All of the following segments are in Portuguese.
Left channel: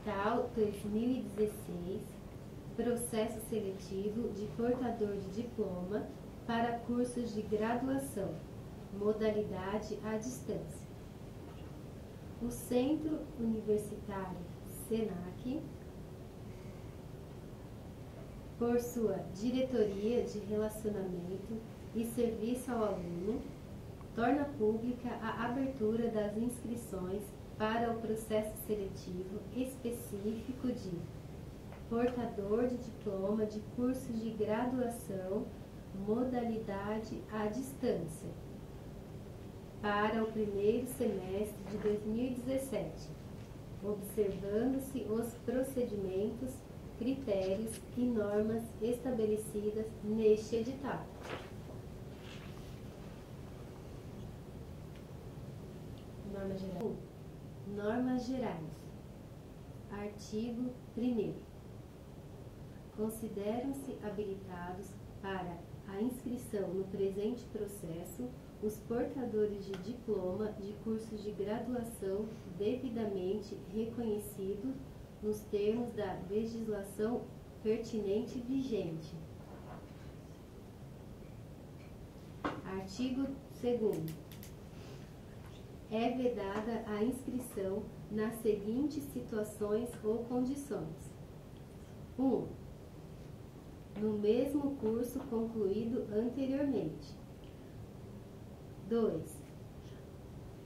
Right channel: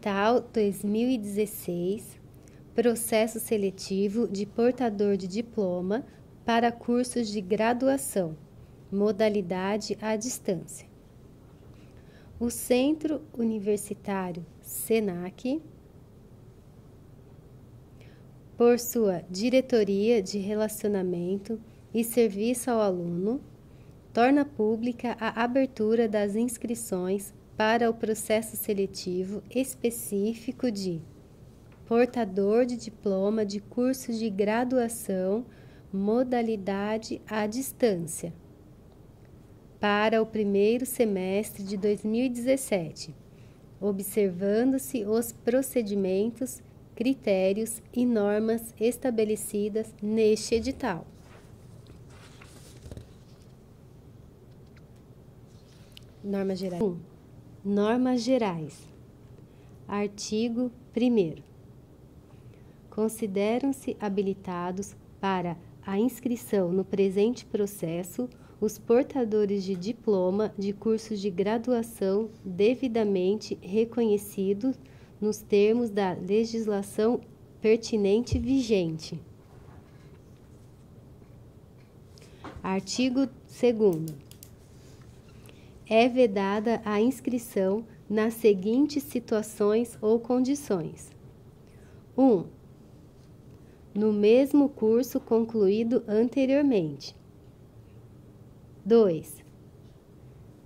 Edital 2016, processo seletivo de portador de diploma para cursos de graduação, modalidade à distância. O Centro Universitário SENAC, por sua Diretoria de Relacionamento e Serviço ao Aluno, torna pública a abertura das inscrições para o processo seletivo específico de portador de diploma de cursos de graduação, modalidade à distância, para o primeiro semestre de 2017, observando-se os procedimentos, critérios e normas estabelecidas neste edital. Normas gerais. 1. Normas gerais. Artigo 1º. Consideram-se habilitados para a inscrição no presente processo os portadores de diploma de cursos de graduação devidamente reconhecidos nos termos da legislação pertinente vigente. Artigo 2º. É vedada a inscrição nas seguintes situações ou condições. 1. No mesmo curso concluído anteriormente. 2.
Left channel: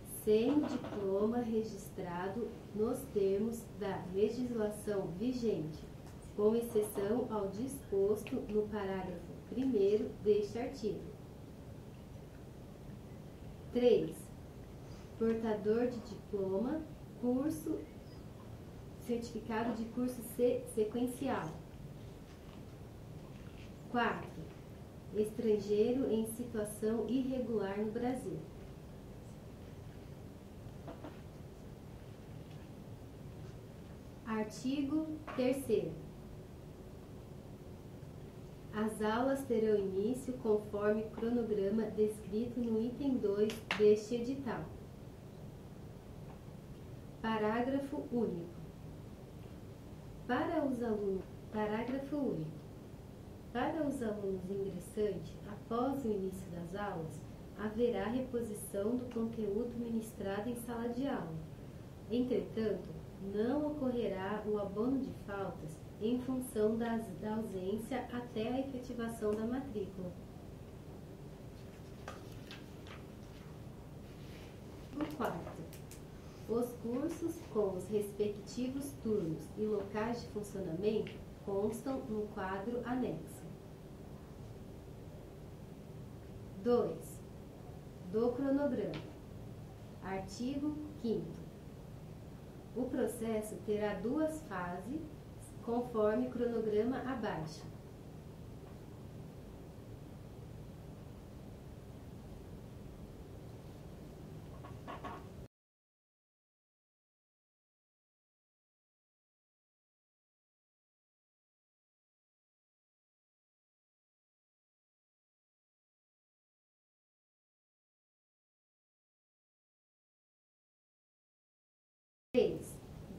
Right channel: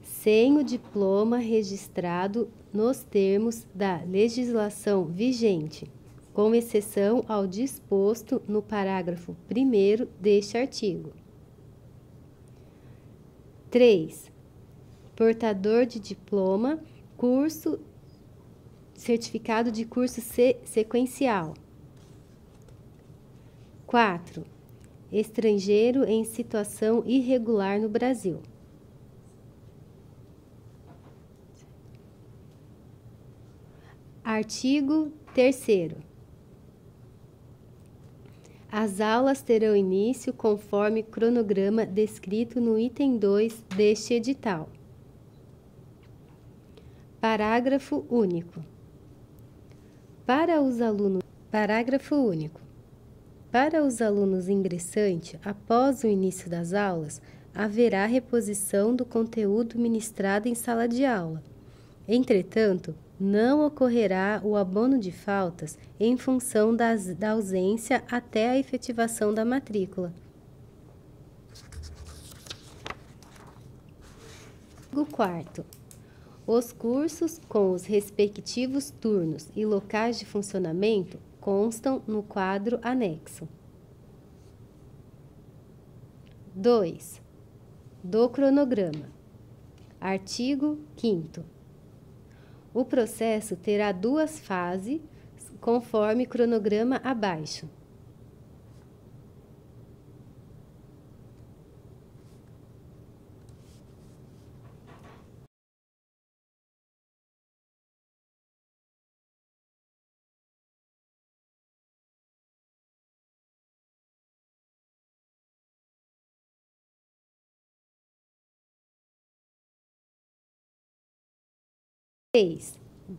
Sem o diploma registrado nos termos da legislação vigente, com exceção ao disposto no parágrafo 1º deste artigo. 3. Portador de diploma, certificado de curso sequencial. 4. Estrangeiro em situação irregular no Brasil. Artigo 3º. As aulas terão início conforme cronograma descrito no item 2 deste edital. Parágrafo único. Parágrafo único. Para os alunos ingressantes, após o início das aulas, haverá reposição do conteúdo ministrado em sala de aula. Entretanto, não ocorrerá o abono de faltas em função da ausência até a efetivação da matrícula. Artigo 4º. Os cursos com os respectivos turnos e locais de funcionamento constam no quadro anexo. 2. Do cronograma. Artigo 5º. O processo terá 2 fases, conforme cronograma abaixo.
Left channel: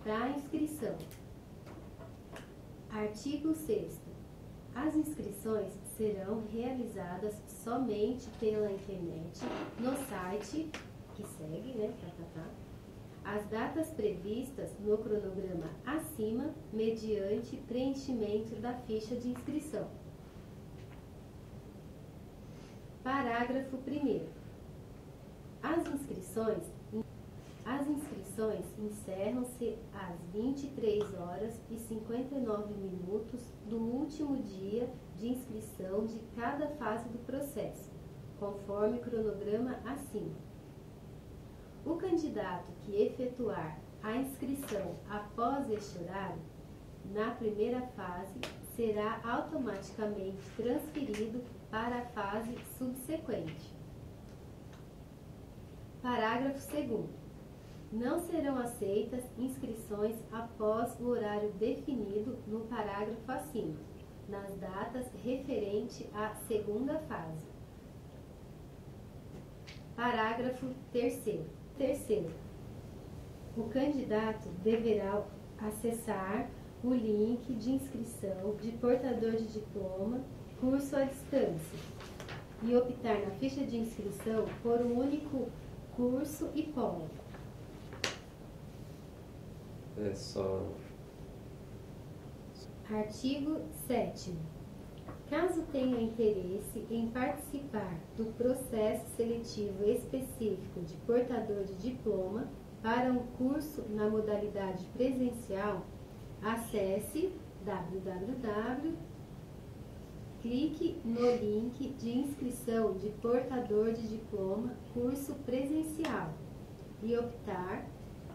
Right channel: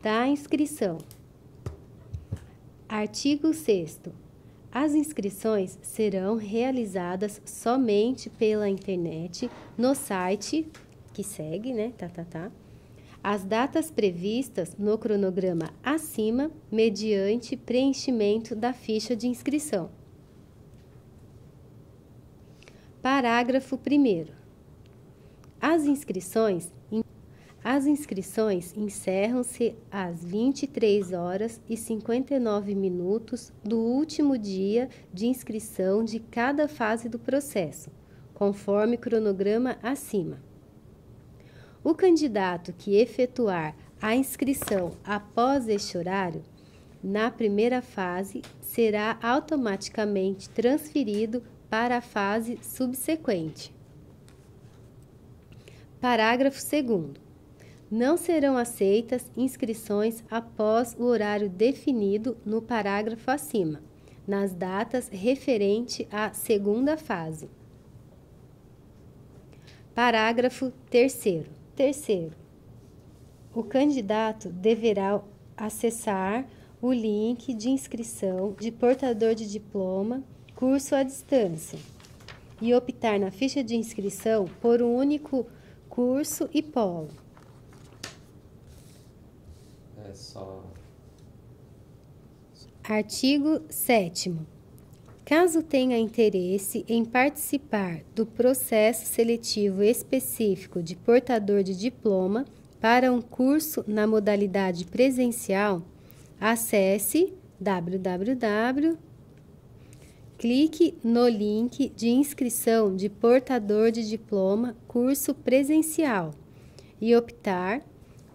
Da inscrição. Artigo 6º. As inscrições serão realizadas somente pela internet no site que segue, as datas previstas no cronograma acima, mediante preenchimento da ficha de inscrição. Parágrafo 1º. As inscrições encerram-se às 23h59 do último dia de inscrição de cada fase do processo, conforme cronograma acima. O candidato que efetuar a inscrição após este horário, na primeira fase, será automaticamente transferido para a fase subsequente. Parágrafo 2º. Não serão aceitas inscrições após o horário definido no parágrafo acima, nas datas referente à segunda fase. Parágrafo 3º. O candidato deverá acessar o link de inscrição de portador de diploma, curso à distância, e optar na ficha de inscrição por um único curso e polo. Artigo 7º. Caso tenha interesse em participar do processo seletivo específico de portador de diploma para um curso na modalidade presencial, acesse clique no link de inscrição de portador de diploma curso presencial e optar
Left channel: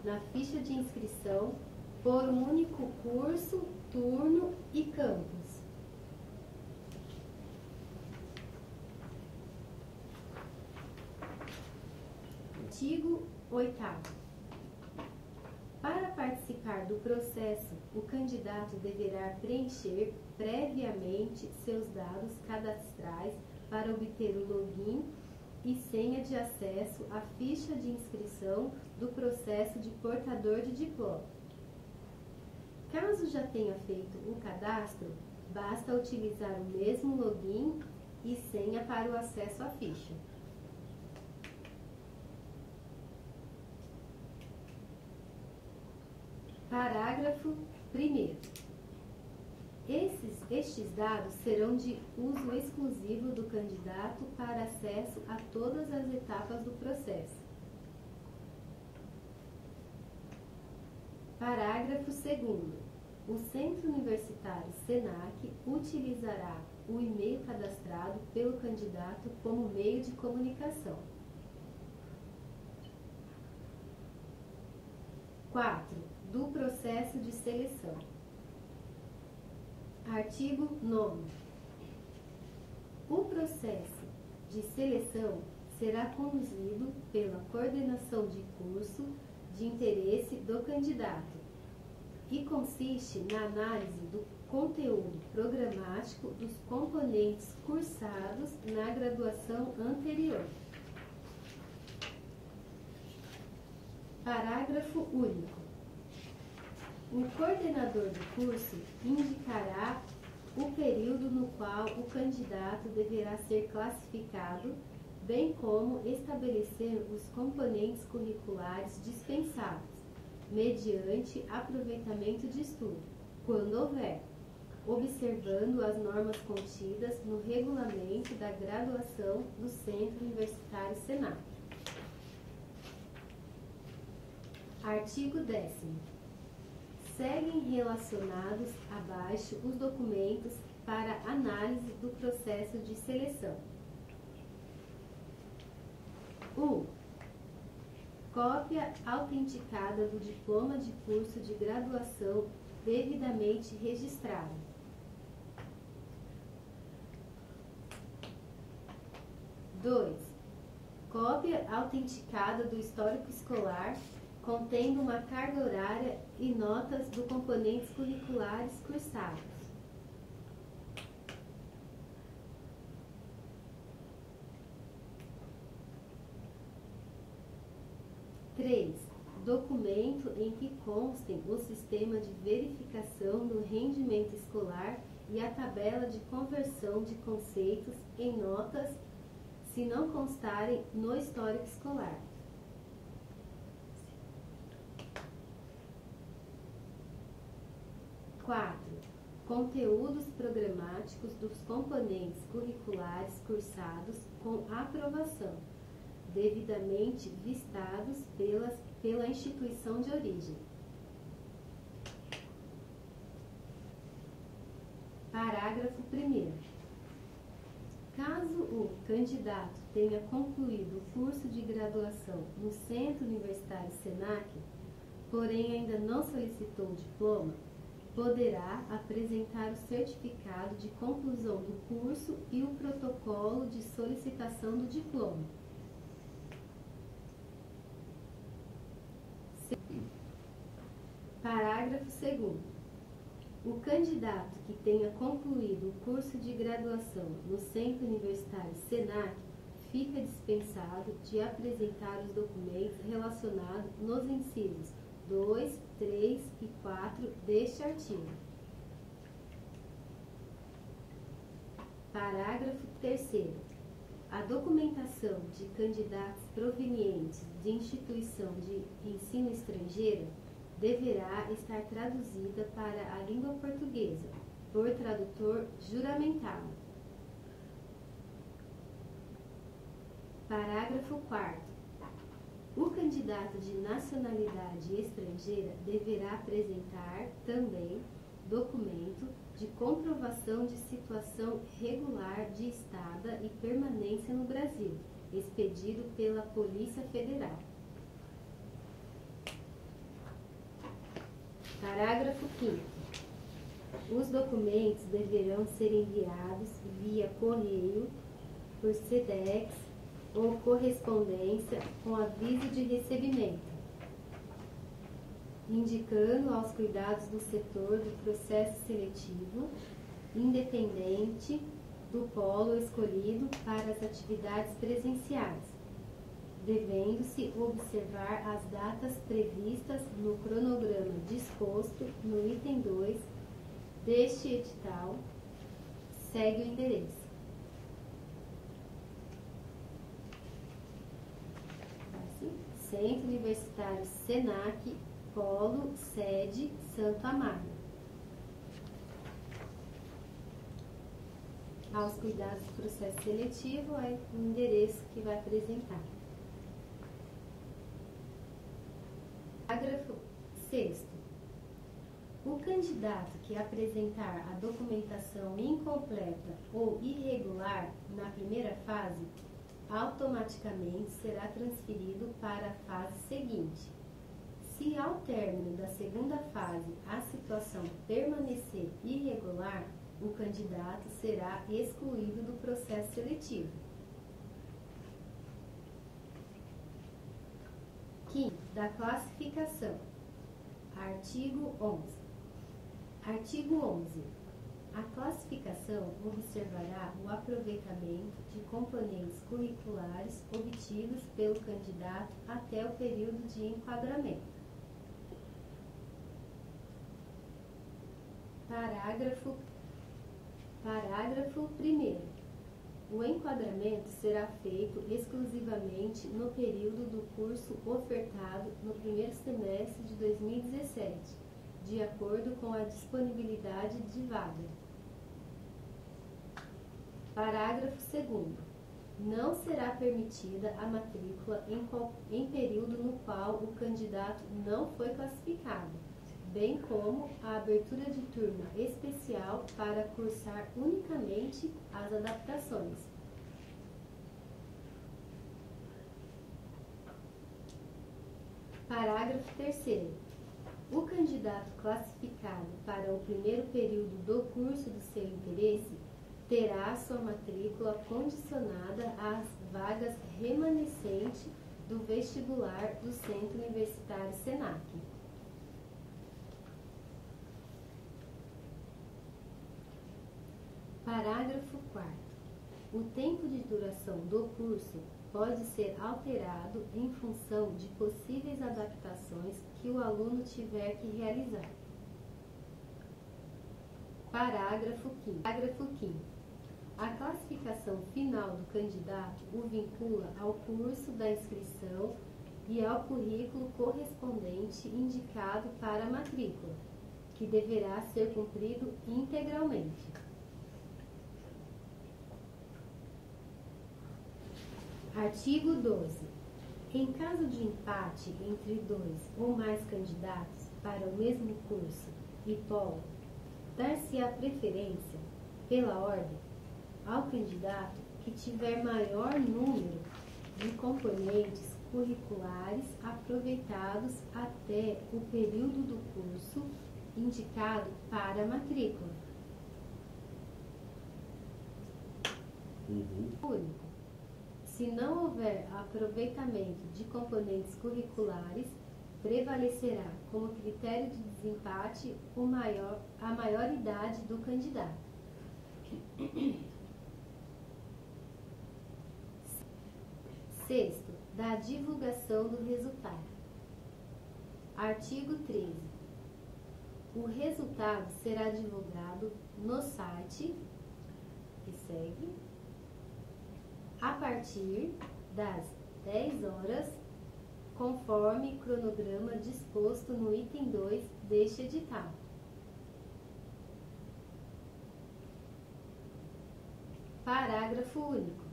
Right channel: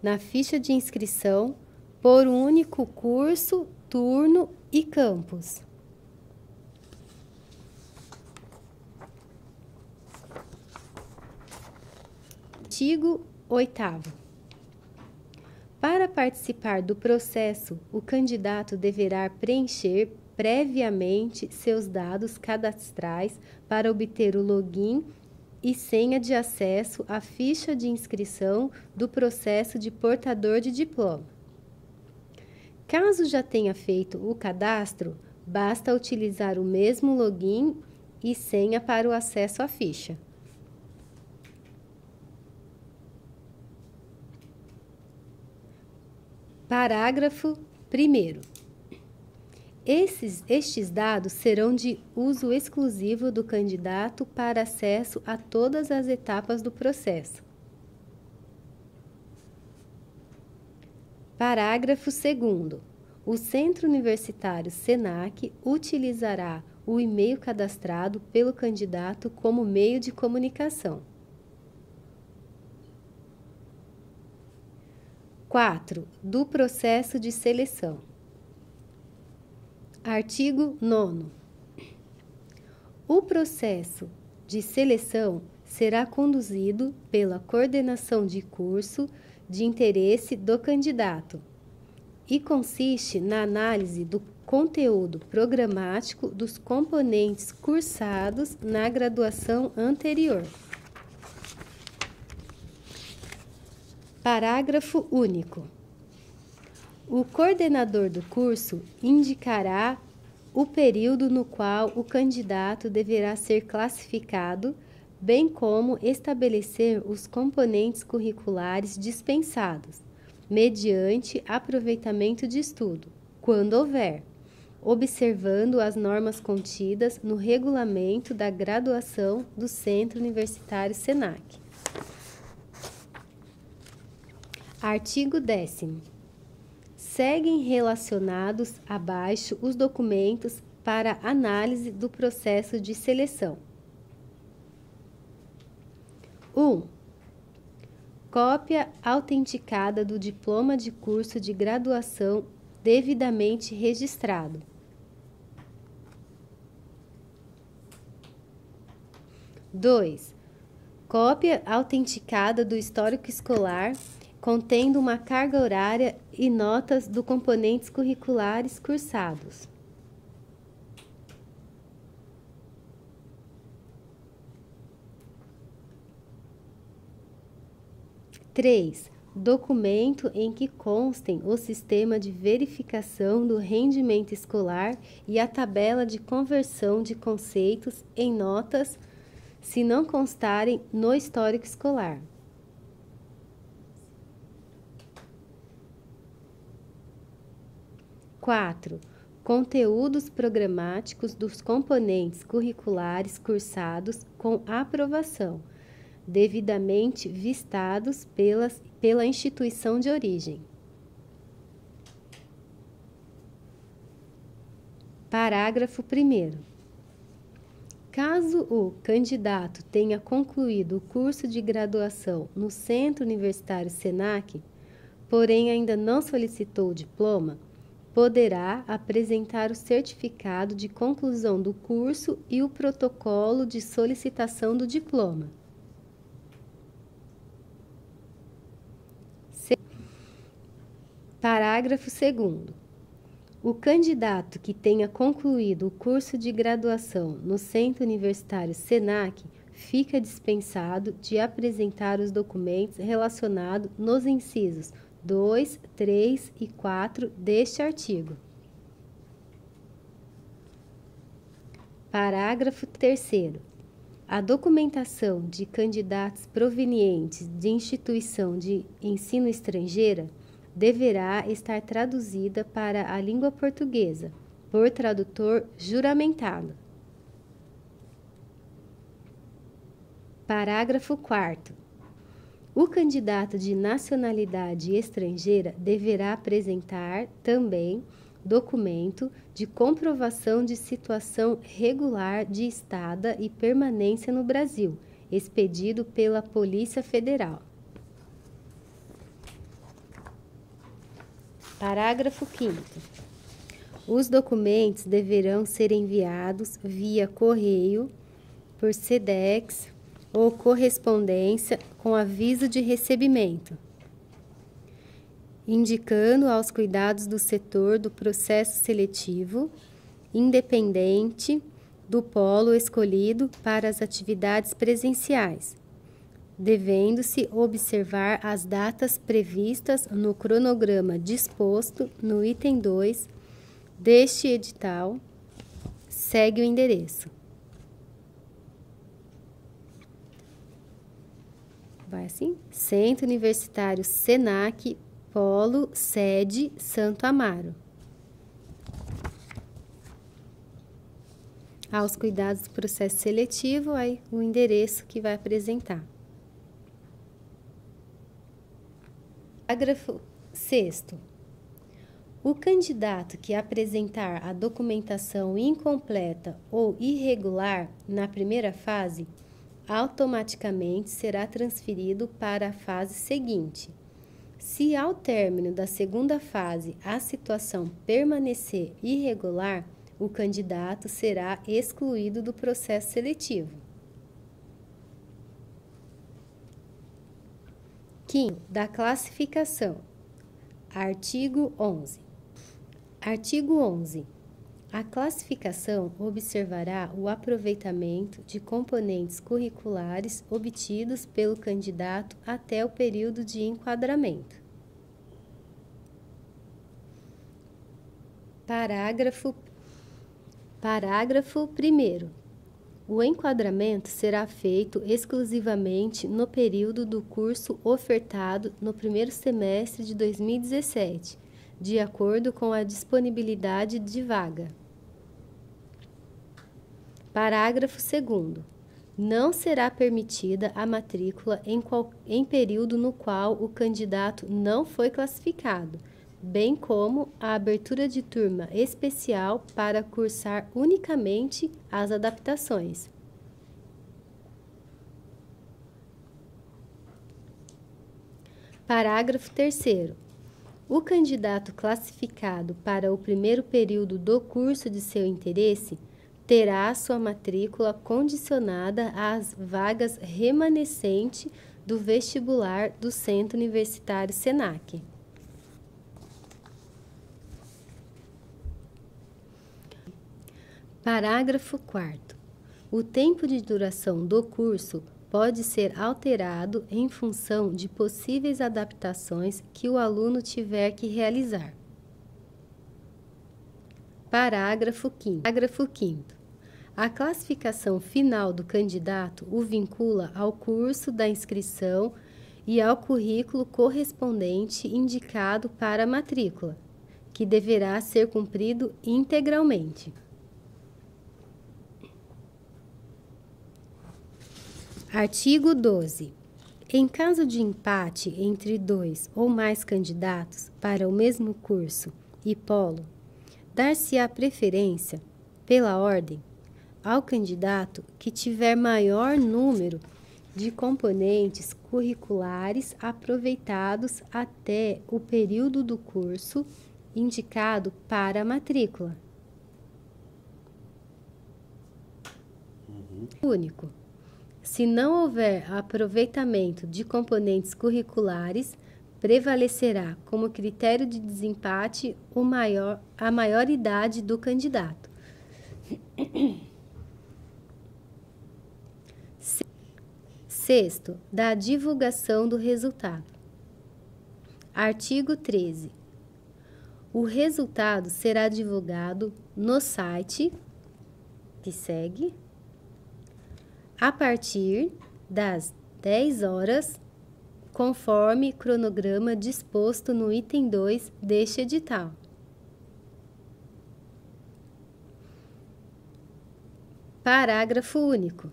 na ficha de inscrição por um único curso, turno e campus. Artigo 8º. Para participar do processo, o candidato deverá preencher previamente seus dados cadastrais para obter o login e senha de acesso à ficha de inscrição do processo de portador de diploma. Caso já tenha feito o cadastro, basta utilizar o mesmo login e senha para o acesso à ficha. Parágrafo 1º. Estes dados serão de uso exclusivo do candidato para acesso a todas as etapas do processo. Parágrafo 2º. O Centro Universitário SENAC utilizará o e-mail cadastrado pelo candidato como meio de comunicação. 4. Do processo de seleção. Artigo 9º. O processo de seleção será conduzido pela coordenação de curso de interesse do candidato e consiste na análise do conteúdo programático dos componentes cursados na graduação anterior. Parágrafo único. O coordenador do curso indicará o período no qual o candidato deverá ser classificado, bem como estabelecer os componentes curriculares dispensados, mediante aproveitamento de estudo, quando houver, observando as normas contidas no regulamento da graduação do Centro Universitário SENAC. Artigo 10º. Seguem relacionados abaixo os documentos para análise do processo de seleção. 1. Cópia autenticada do diploma de curso de graduação devidamente registrado. 2. Cópia autenticada do histórico escolar contendo uma carga horária e notas do componentes curriculares cursados. 3. Documento em que constem o sistema de verificação do rendimento escolar e a tabela de conversão de conceitos em notas, se não constarem no histórico escolar. 4. Conteúdos programáticos dos componentes curriculares cursados com aprovação, devidamente vistados pela instituição de origem. Parágrafo 1º. Caso o candidato tenha concluído o curso de graduação no Centro Universitário SENAC, porém ainda não solicitou o diploma, poderá apresentar o certificado de conclusão do curso e o protocolo de solicitação do diploma. Parágrafo 2º. O candidato que tenha concluído o curso de graduação no Centro Universitário SENAC fica dispensado de apresentar os documentos relacionados nos incisos 2, 3 e 4 deste artigo. Parágrafo 3º. A documentação de candidatos provenientes de instituição de ensino estrangeira deverá estar traduzida para a língua portuguesa por tradutor juramentado. Parágrafo 4º. O candidato de nacionalidade estrangeira deverá apresentar também documento de comprovação de situação regular de estada e permanência no Brasil, expedido pela Polícia Federal. Parágrafo 5º. Os documentos deverão ser enviados via correio, por SEDEX ou correspondência com aviso de recebimento, indicando aos cuidados do setor do processo seletivo, independente do polo escolhido para as atividades presenciais, devendo-se observar as datas previstas no cronograma disposto no item 2 deste edital. Segue o endereço. Vai assim: Centro Universitário SENAC, Polo, sede Santo Amaro. Aos cuidados do processo seletivo, aí o endereço que vai apresentar. Parágrafo 6º. O candidato que apresentar a documentação incompleta ou irregular na primeira fase, automaticamente será transferido para a fase seguinte. Se ao término da segunda fase a situação permanecer irregular, o candidato será excluído do processo seletivo. 5º, da classificação. Artigo 11. Artigo 11. A classificação observará o aproveitamento de componentes curriculares obtidos pelo candidato até o período de enquadramento. Parágrafo 1º. O enquadramento será feito exclusivamente no período do curso ofertado no primeiro semestre de 2017, de acordo com a disponibilidade de vaga. Parágrafo 2º. Não será permitida a matrícula em período no qual o candidato não foi classificado, bem como a abertura de turma especial para cursar unicamente as adaptações. Parágrafo 3º. O candidato classificado para o primeiro período do curso de seu interesse terá sua matrícula condicionada às vagas remanescentes do vestibular do Centro Universitário SENAC. Parágrafo 4º. O tempo de duração do curso pode ser alterado em função de possíveis adaptações que o aluno tiver que realizar. Parágrafo 5º. A classificação final do candidato o vincula ao curso da inscrição e ao currículo correspondente indicado para a matrícula, que deverá ser cumprido integralmente. Artigo 12. Em caso de empate entre 2 ou mais candidatos para o mesmo curso e polo, dar-se-á preferência, pela ordem, ao candidato que tiver maior número de componentes curriculares aproveitados até o período do curso indicado para a matrícula. Único. Se não houver aproveitamento de componentes curriculares, prevalecerá como critério de desempate a maior idade do candidato. Sexto, da divulgação do resultado. Artigo 13. O resultado será divulgado no site que segue a partir das 10 horas, conforme cronograma disposto no item 2 deste edital. Parágrafo único.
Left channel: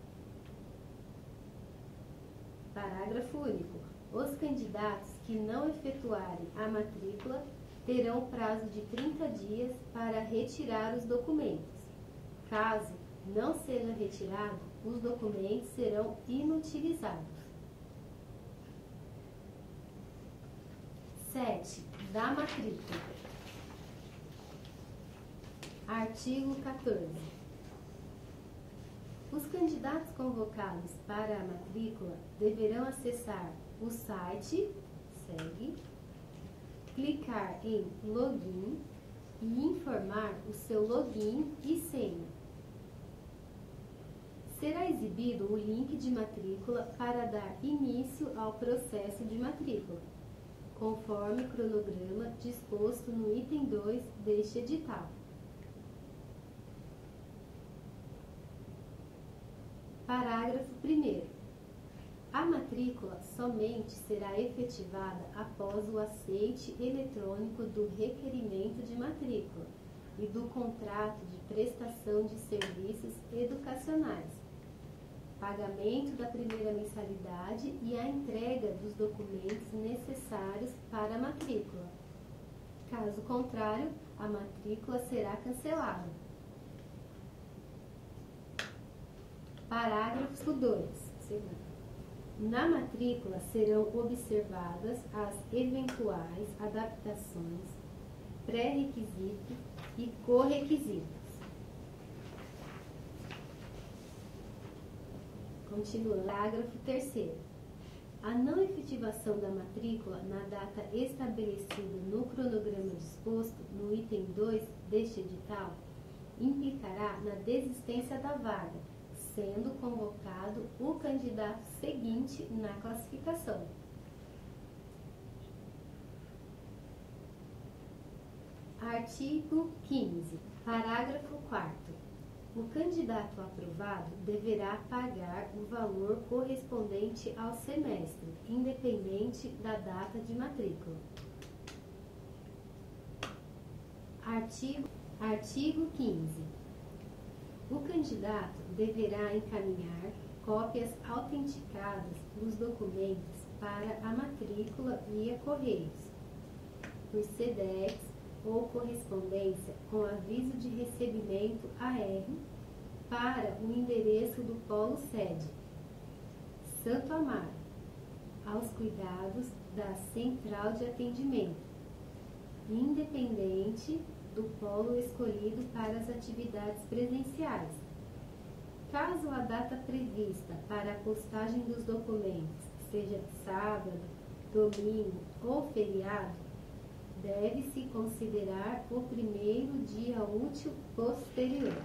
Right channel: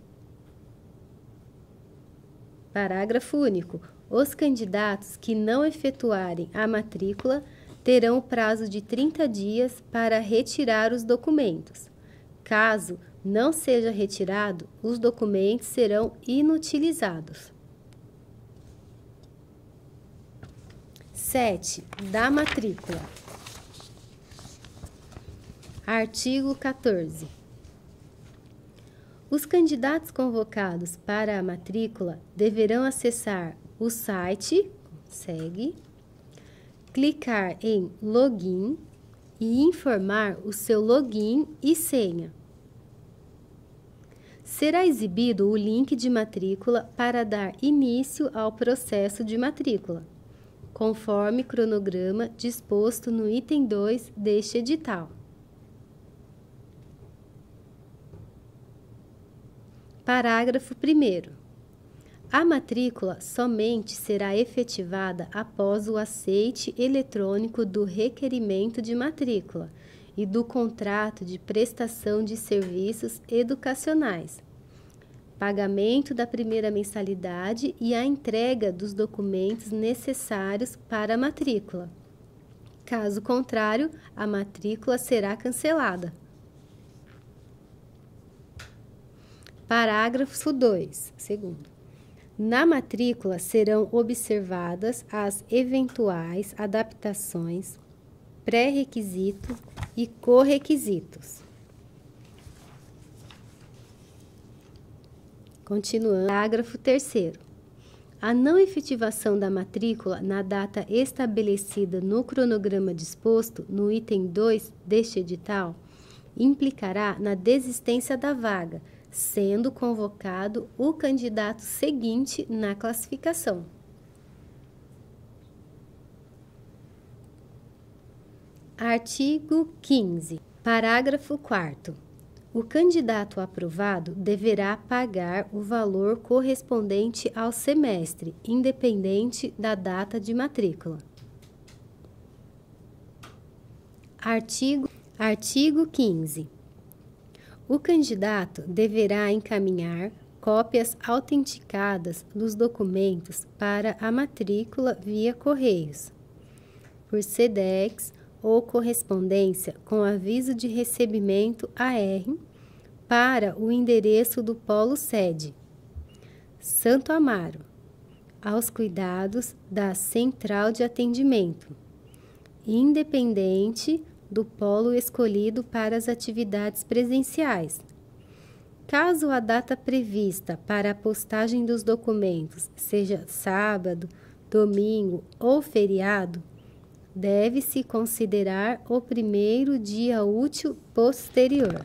Parágrafo único. Os candidatos que não efetuarem a matrícula terão o prazo de 30 dias para retirar os documentos. Caso não seja retirado, os documentos serão inutilizados. 7. Da matrícula. Artigo 14. Os candidatos convocados para a matrícula deverão acessar o site, clicar em login e informar o seu login e senha. Será exibido o link de matrícula para dar início ao processo de matrícula, conforme cronograma disposto no item 2 deste edital. Parágrafo 1º. A matrícula somente será efetivada após o aceite eletrônico do requerimento de matrícula e do contrato de prestação de serviços educacionais, pagamento da primeira mensalidade e a entrega dos documentos necessários para a matrícula. Caso contrário, a matrícula será cancelada. Parágrafo 2. Na matrícula serão observadas as eventuais adaptações, pré-requisitos e correquisitos. Continuando. Parágrafo 3º. A não efetivação da matrícula na data estabelecida no cronograma disposto no item 2 deste edital implicará na desistência da vaga, sendo convocado o candidato seguinte na classificação. Artigo 15. Parágrafo 4º. O candidato aprovado deverá pagar o valor correspondente ao semestre, independente da data de matrícula. Artigo 15. O candidato deverá encaminhar cópias autenticadas dos documentos para a matrícula via correios, por SEDEX ou correspondência com aviso de recebimento AR para o endereço do polo sede, Santo Amaro, aos cuidados da Central de Atendimento, independente do polo escolhido para as atividades presenciais. Caso a data prevista para a postagem dos documentos seja sábado, domingo ou feriado, deve-se considerar o primeiro dia útil posterior.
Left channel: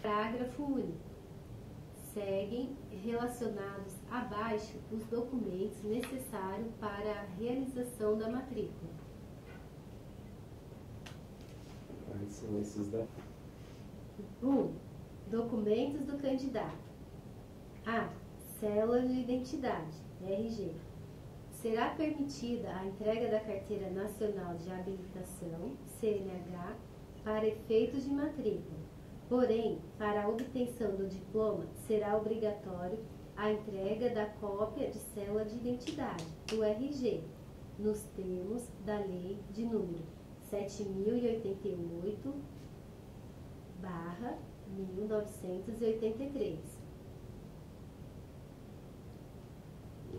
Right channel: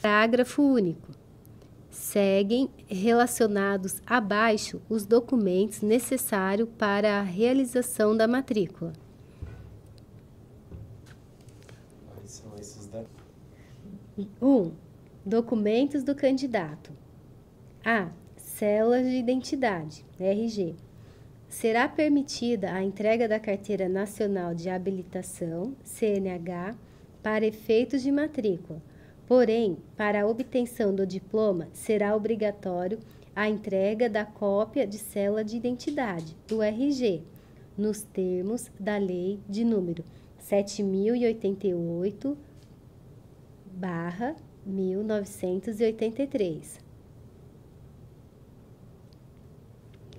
Parágrafo único. Seguem relacionados abaixo os documentos necessários para a realização da matrícula. Quais são esses dados? 1. Documentos do candidato. A. Cédula de identidade, RG. Será permitida a entrega da Carteira Nacional de Habilitação, CNH, para efeitos de matrícula. Porém, para a obtenção do diploma, será obrigatório a entrega da cópia de cédula de identidade, do RG, nos termos da Lei de número 7.088/1983.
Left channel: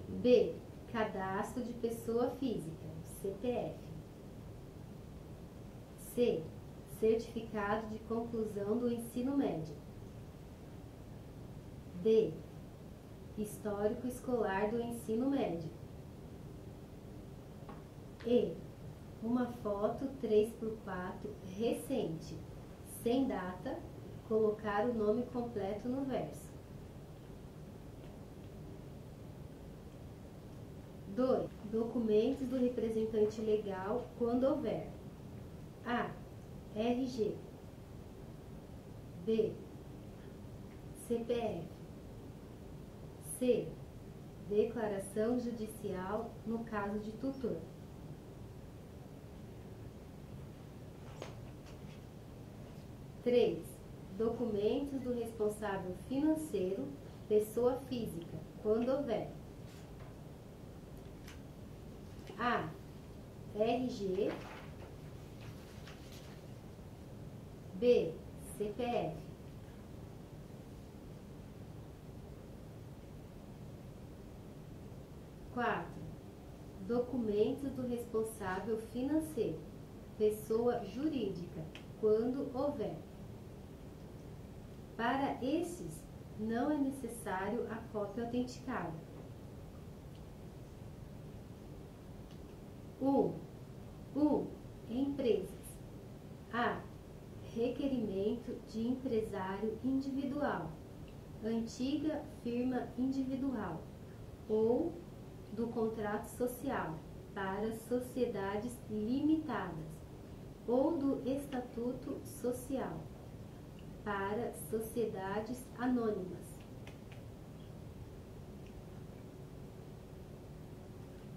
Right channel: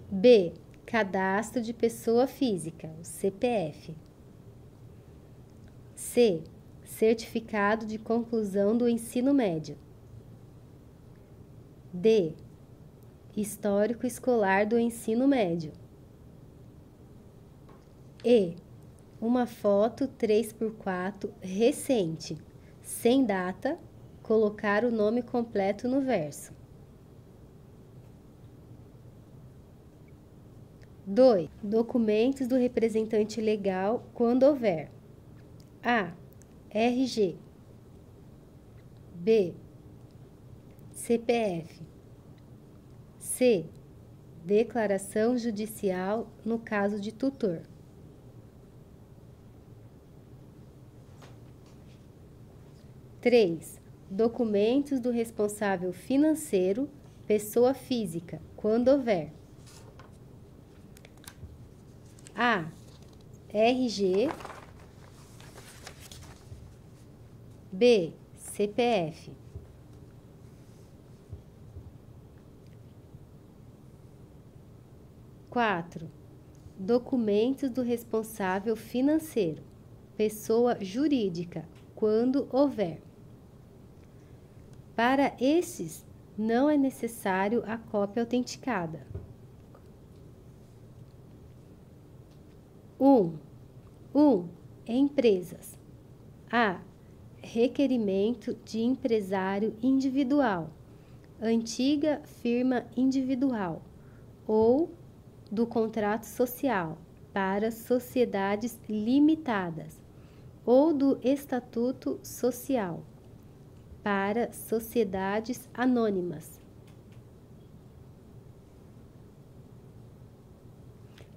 B. Cadastro de pessoa física, o CPF. C. Certificado de conclusão do ensino médio. D. Histórico escolar do ensino médio. E. Uma foto 3x4 recente, sem data, colocar o nome completo no verso. 2. Documentos do representante legal quando houver: A. RG. B. CPF. C. Declaração judicial no caso de tutor. 3. Documentos do responsável financeiro, pessoa física, quando houver: A. RG. B. CPF. 4. Documentos do responsável financeiro, pessoa jurídica, quando houver. Para esses, não é necessário a cópia autenticada. 1. Empresas. A. Requerimento de empresário individual, antiga firma individual, ou do contrato social para sociedades limitadas, ou do estatuto social para sociedades anônimas.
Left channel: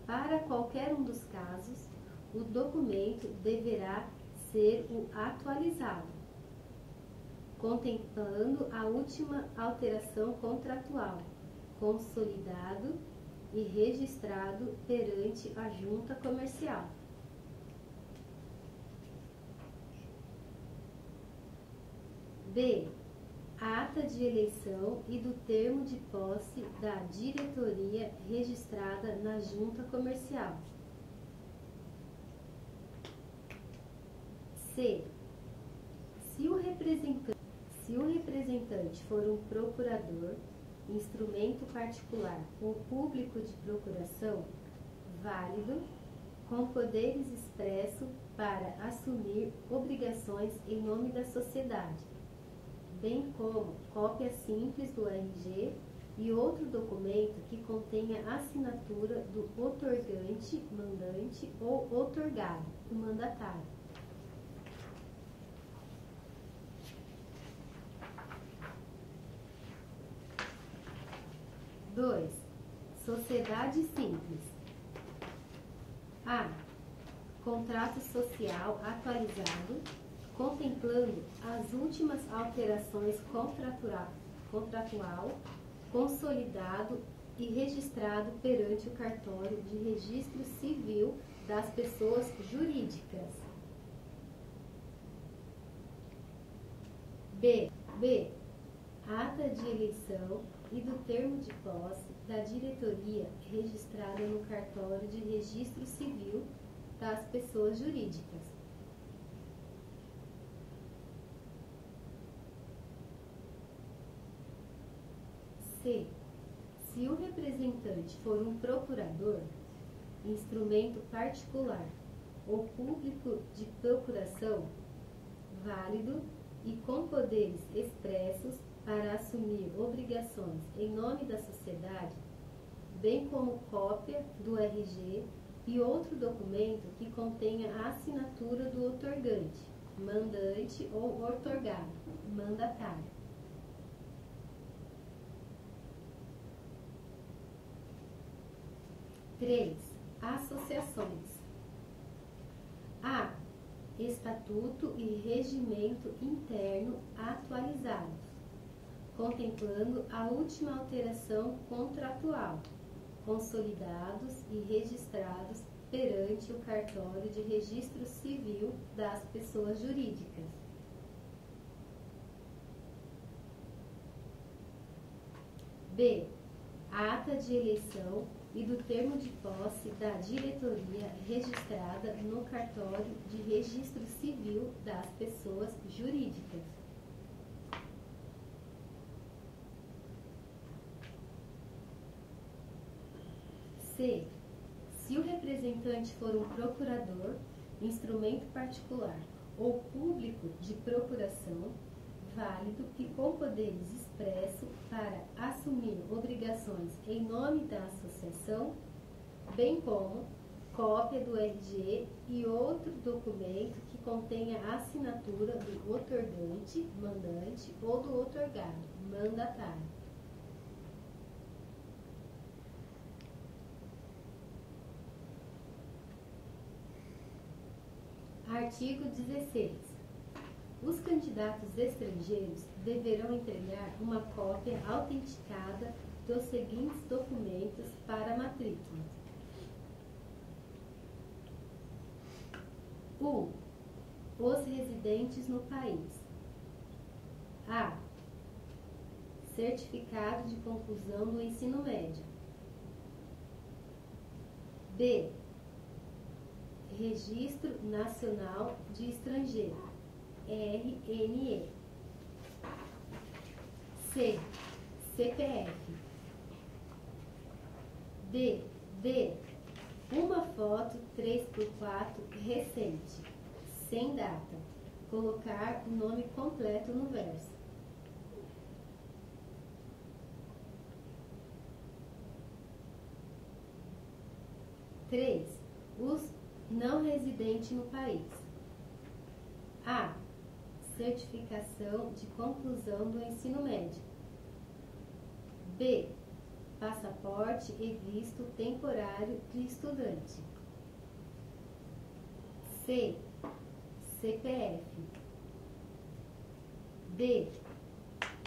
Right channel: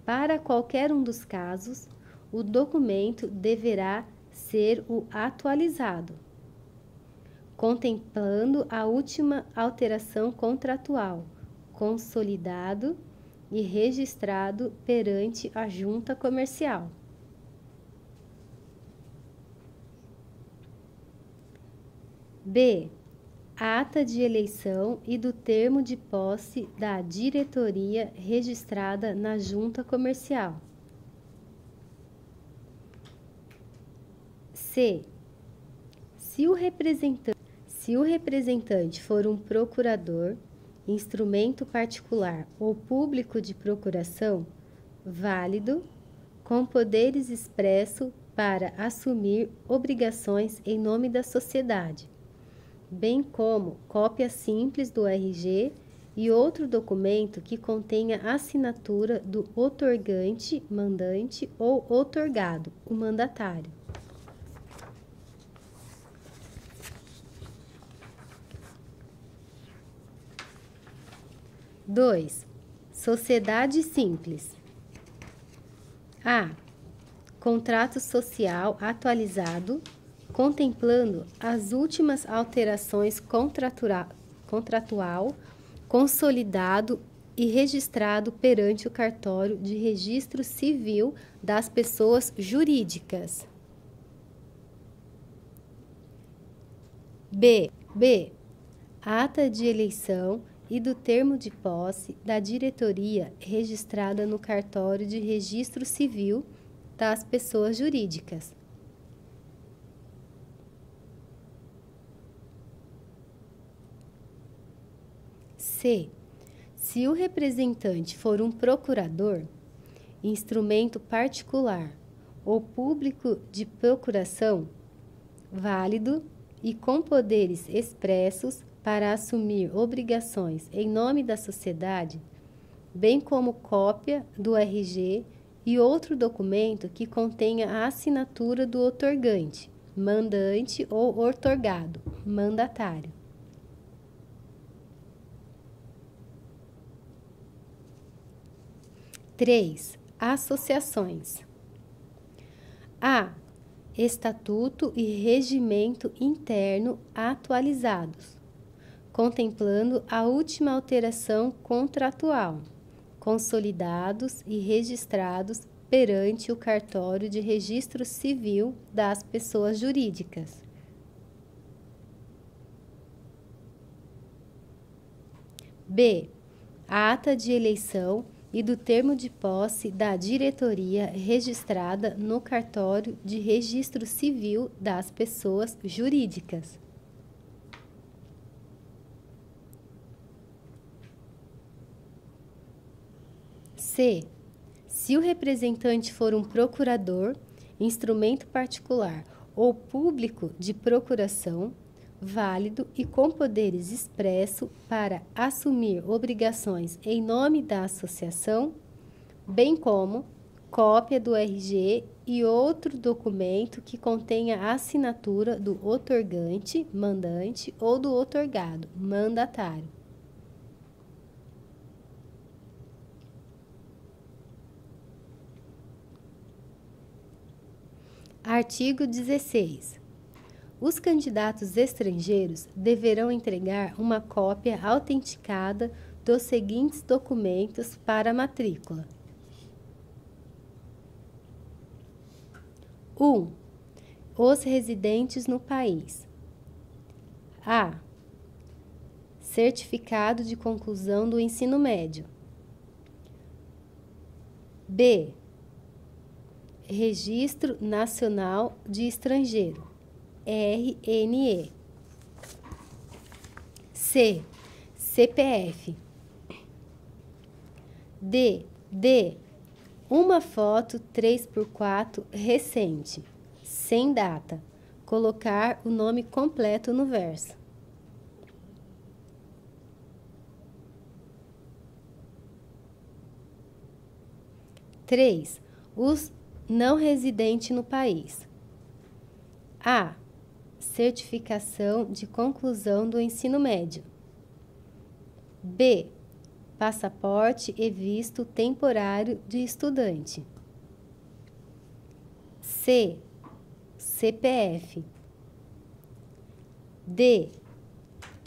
Para qualquer um dos casos, o documento deverá ser o atualizado, contemplando a última alteração contratual, consolidado e registrado perante a junta comercial. B. Ata de eleição e do termo de posse da diretoria registrada na junta comercial. C. Se o representante for um procurador, instrumento particular ou público de procuração, válido, com poderes expressos para assumir obrigações em nome da sociedade, bem como cópia simples do RG e outro documento que contenha a assinatura do outorgante, mandante ou outorgado, o mandatário. 2. Sociedade simples. A. Contrato social atualizado, contemplando as últimas alterações contratual, consolidado e registrado perante o cartório de registro civil das pessoas jurídicas. B. Ata de eleição e do termo de posse da diretoria registrada no cartório de registro civil das pessoas jurídicas. C. Se o representante for um procurador, instrumento particular ou público de procuração, válido e com poderes expressos para assumir obrigações em nome da sociedade, bem como cópia do RG e outro documento que contenha a assinatura do outorgante, mandante ou outorgado, mandatário. 3. Associações. A. Estatuto e regimento interno atualizados, contemplando a última alteração contratual, consolidados e registrados perante o cartório de registro civil das pessoas jurídicas. B. A ata de eleição e do termo de posse da diretoria registrada no cartório de registro civil das pessoas jurídicas. C. Se o representante for um procurador, instrumento particular ou público de procuração, válido e com poderes expresso para assumir obrigações em nome da associação, bem como cópia do RG e outro documento que contenha a assinatura do outorgante, mandante, ou do outorgado, mandatário. Artigo 16. Os candidatos estrangeiros deverão entregar uma cópia autenticada dos seguintes documentos para a matrícula. 1. Os residentes no país. A. Certificado de conclusão do ensino médio. B. Registro Nacional de Estrangeiro, RNE. C. CPF. D. Uma foto 3x4 recente, sem data. Colocar o nome completo no verso. Três. Os não residentes no país. A. Certificação de conclusão do ensino médio. B. Passaporte e visto temporário de estudante. C. CPF. D.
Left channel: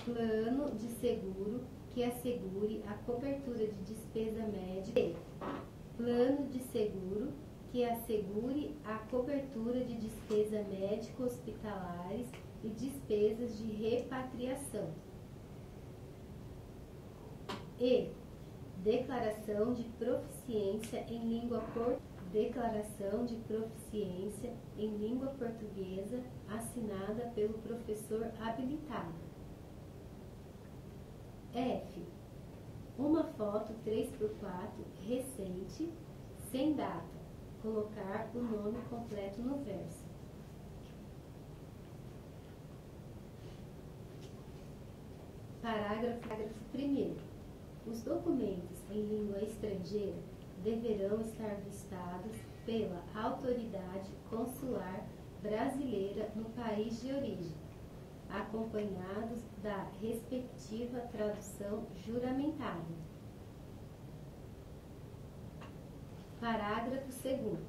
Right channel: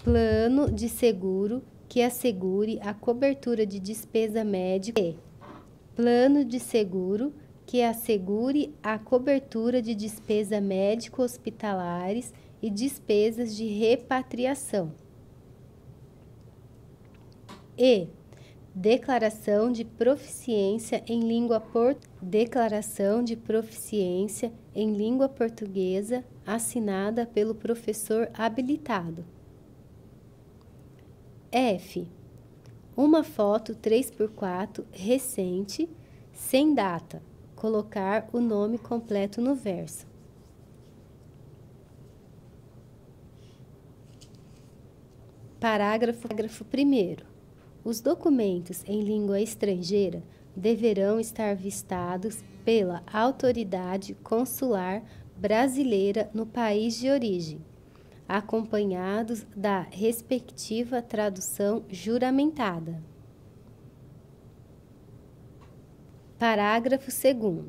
Plano de seguro que assegure a cobertura de despesa médica. E. Plano de seguro que assegure a cobertura de despesa médico-hospitalares e despesas de repatriação. E. Declaração de proficiência em língua portuguesa assinada pelo professor habilitado. F. Uma foto 3x4 recente, sem data. Colocar o nome completo no verso. Parágrafo 1º. Os documentos em língua estrangeira deverão estar vistados pela autoridade consular brasileira no país de origem, acompanhados da respectiva tradução juramentada. Parágrafo 2º.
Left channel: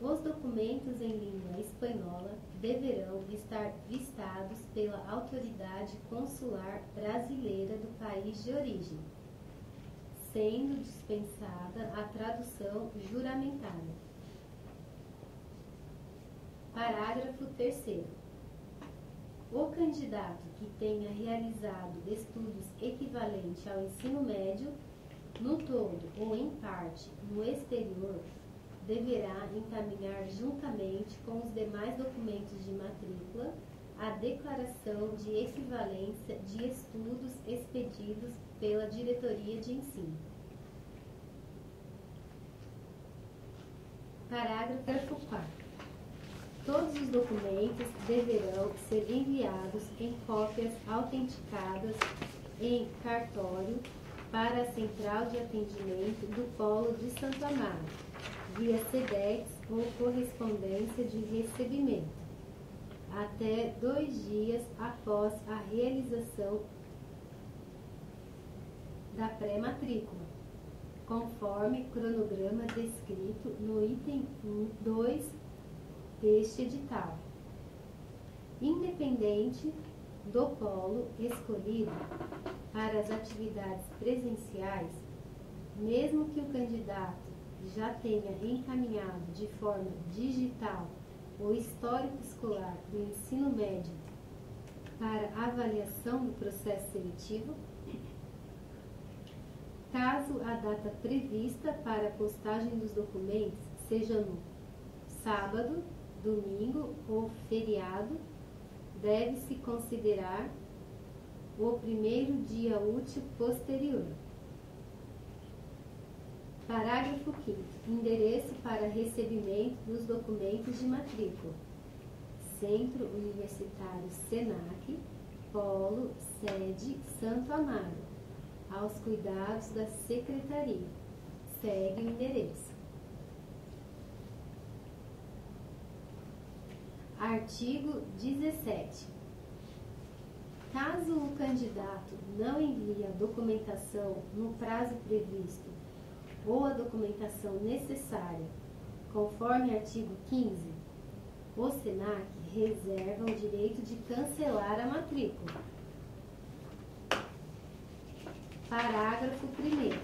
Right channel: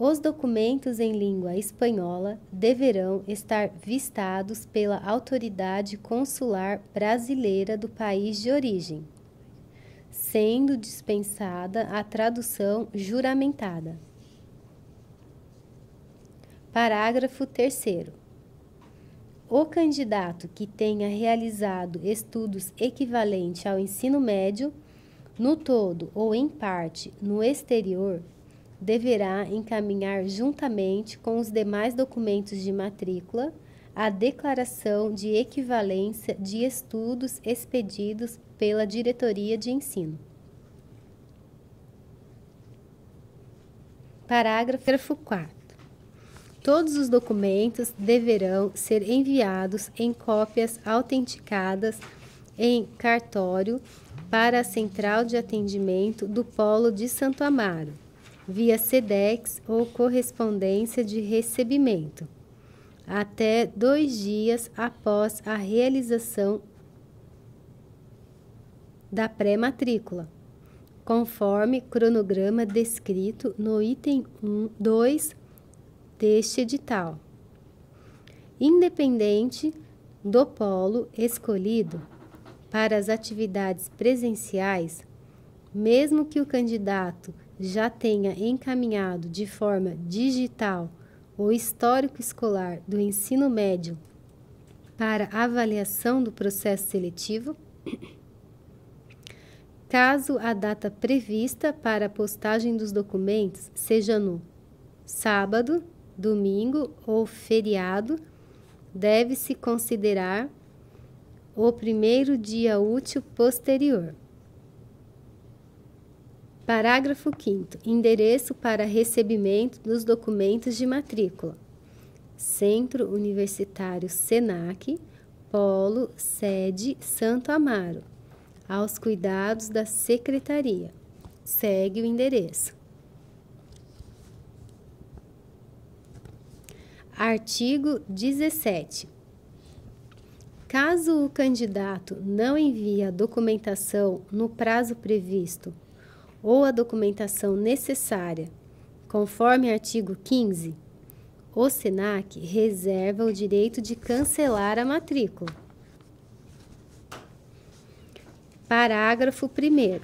Os documentos em língua espanhola deverão estar vistados pela autoridade consular brasileira do país de origem, sendo dispensada a tradução juramentada. Parágrafo 3º. O candidato que tenha realizado estudos equivalentes ao ensino médio, no todo ou em parte, no exterior, deverá encaminhar juntamente com os demais documentos de matrícula a declaração de equivalência de estudos expedidos pela diretoria de ensino. Parágrafo 4º. Todos os documentos deverão ser enviados em cópias autenticadas em cartório para a Central de Atendimento do Polo de Santo Amaro, via SEDEX ou correspondência de recebimento, até 2 dias após a realização da pré-matrícula, conforme cronograma descrito no item 2 deste edital. Independente do polo escolhido para as atividades presenciais, mesmo que o candidato já tenha encaminhado de forma digital o histórico escolar do ensino médio para avaliação do processo seletivo, caso a data prevista para a postagem dos documentos seja no sábado, domingo ou feriado, deve-se considerar o primeiro dia útil posterior. Parágrafo 5º. Endereço para recebimento dos documentos de matrícula. Centro Universitário SENAC, Polo, sede Santo Amaro, aos cuidados da Secretaria. segue o endereço. Artigo 17. Caso o candidato não envie a documentação no prazo previsto ou a documentação necessária, conforme artigo 15, o SENAC reserva o direito de cancelar a matrícula. Parágrafo 1º.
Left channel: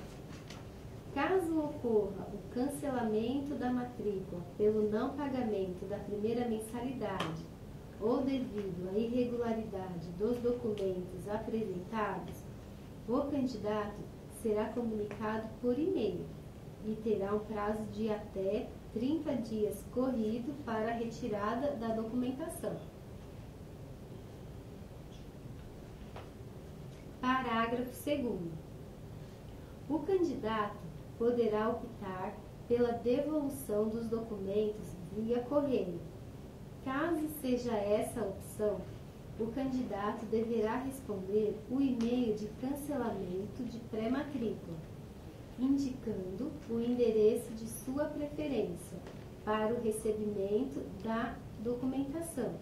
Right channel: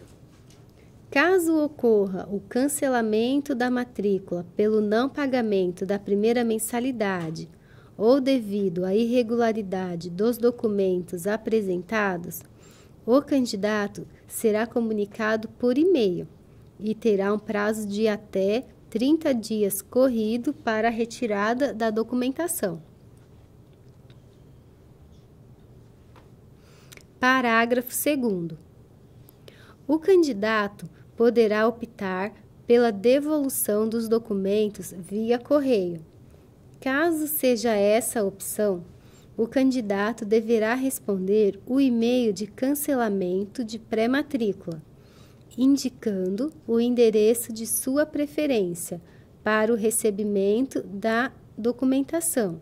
Caso ocorra o cancelamento da matrícula pelo não pagamento da primeira mensalidade ou devido à irregularidade dos documentos apresentados, o candidato será comunicado por e-mail e terá um prazo de até 30 dias corrido para a retirada da documentação. Parágrafo 2º. O candidato poderá optar pela devolução dos documentos via correio. Caso seja essa a opção, o candidato deverá responder o e-mail de cancelamento de pré-matrícula, indicando o endereço de sua preferência para o recebimento da documentação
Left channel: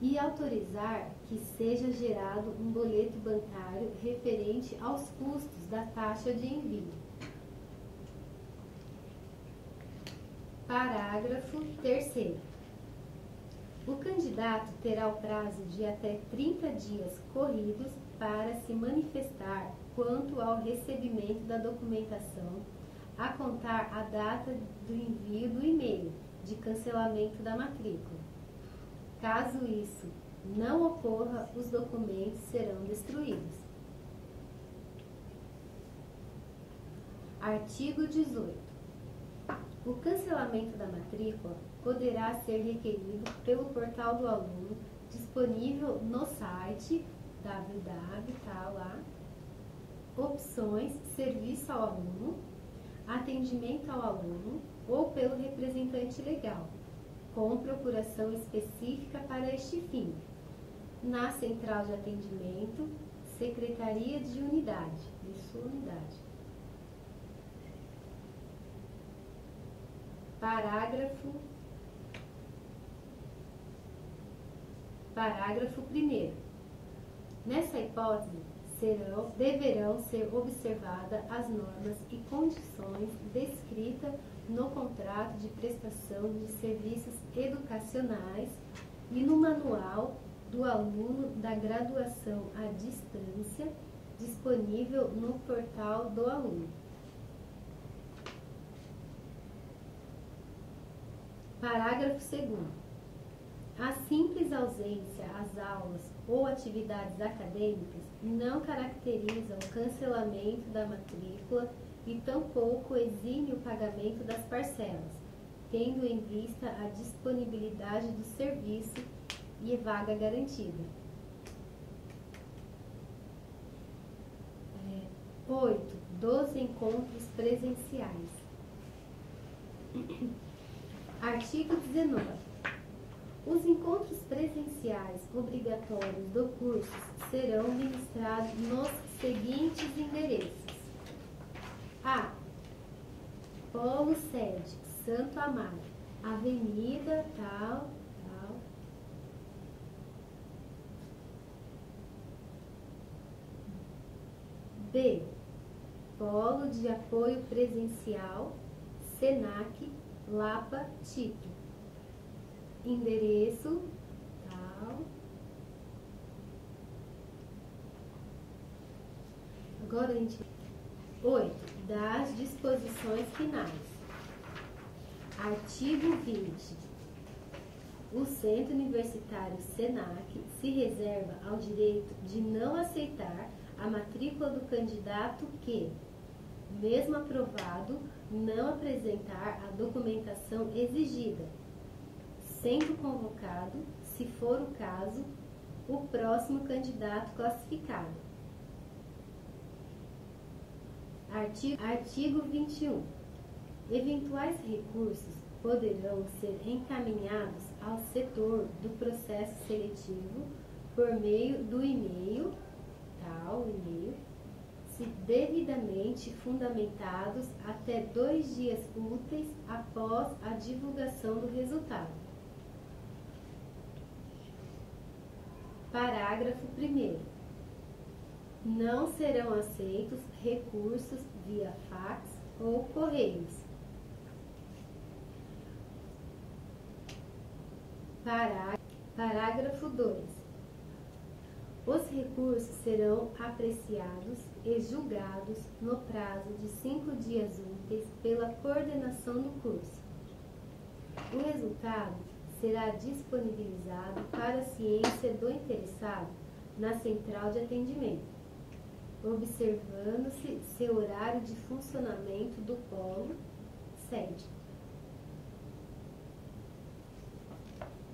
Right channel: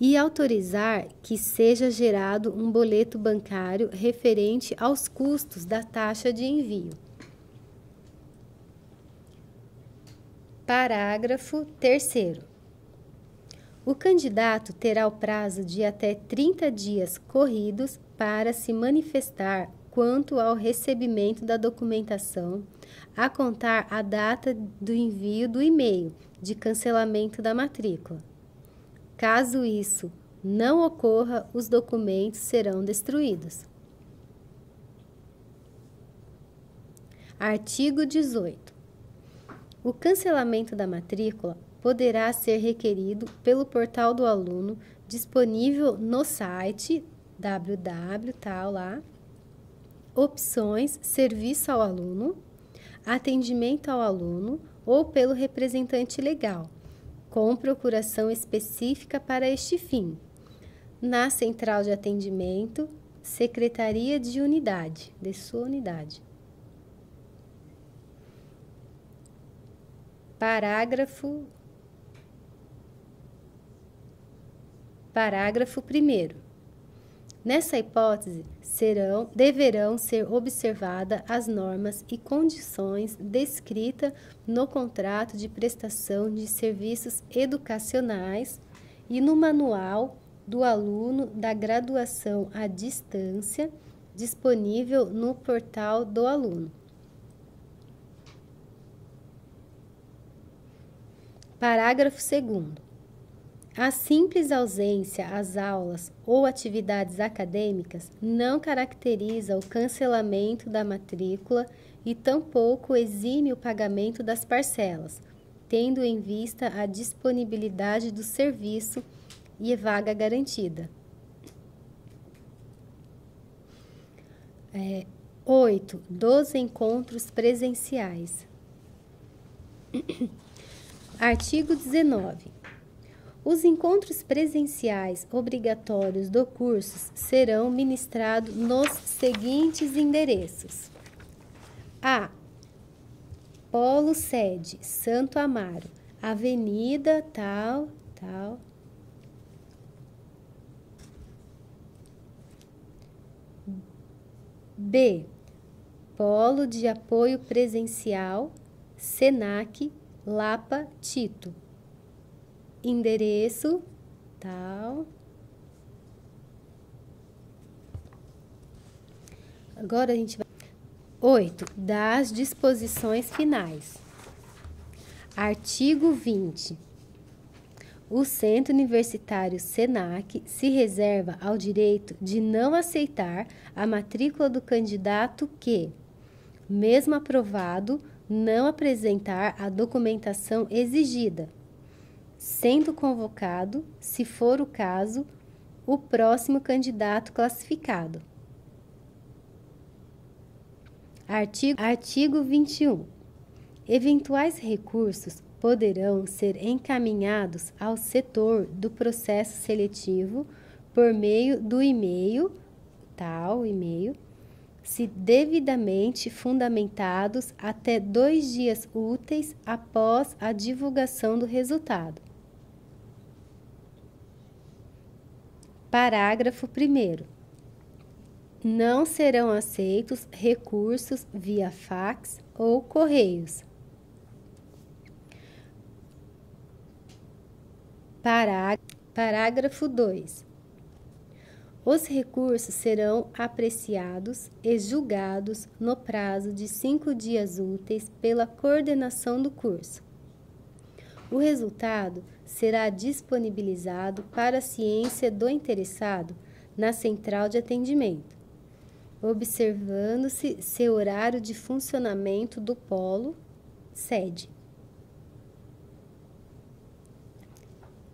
e autorizar que seja gerado um boleto bancário referente aos custos da taxa de envio. Parágrafo 3º. O candidato terá o prazo de até 30 dias corridos para se manifestar quanto ao recebimento da documentação, a contar a data do envio do e-mail de cancelamento da matrícula. Caso isso não ocorra, os documentos serão destruídos. Artigo 18. O cancelamento da matrícula poderá ser requerido pelo portal do aluno disponível no site opções, serviço ao aluno, atendimento ao aluno ou pelo representante legal, com procuração específica para este fim, na central de atendimento, secretaria de sua unidade. Parágrafo 1º. Nessa hipótese, deverão ser observadas as normas e condições descritas no contrato de prestação de serviços educacionais e no manual do aluno da graduação à distância, disponível no portal do aluno. Parágrafo 2º. A simples ausência às aulas ou atividades acadêmicas não caracteriza o cancelamento da matrícula e tampouco exime o pagamento das parcelas, tendo em vista a disponibilidade do serviço e vaga garantida. 8. Dos encontros presenciais. Artigo 19. Os encontros presenciais obrigatórios do curso serão ministrados nos seguintes endereços: A. Polo Sede, Santo Amaro, Avenida tal. B. Polo de Apoio Presencial, SENAC, Lapa, Tito. Endereço tal. Agora a gente vai. 8. Das disposições finais. Artigo 20. O Centro Universitário SENAC se reserva ao direito de não aceitar a matrícula do candidato que, mesmo aprovado, não apresentar a documentação exigida, sendo convocado, se for o caso, o próximo candidato classificado. Artigo 21. Eventuais recursos poderão ser encaminhados ao setor do processo seletivo por meio do e-mail, se devidamente fundamentados até 2 dias úteis após a divulgação do resultado. Parágrafo 1º. Não serão aceitos recursos via fax ou correios. Parágrafo 2. Os recursos serão apreciados e julgados no prazo de 5 dias úteis pela coordenação do curso. O resultado será disponibilizado para a ciência do interessado na central de atendimento, observando-se seu horário de funcionamento do polo, sede.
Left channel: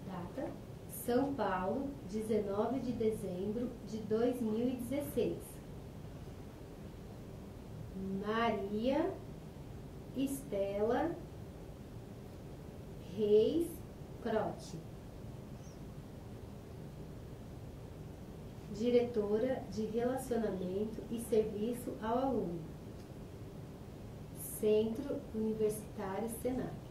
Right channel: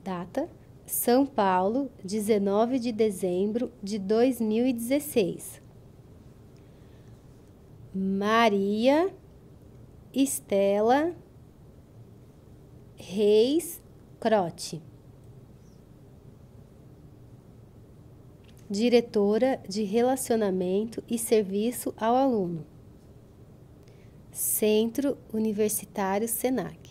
Data: São Paulo, 19 de dezembro de 2016. Maria Estela Reis Crote, diretora de Relacionamento e Serviço ao Aluno, Centro Universitário Senac.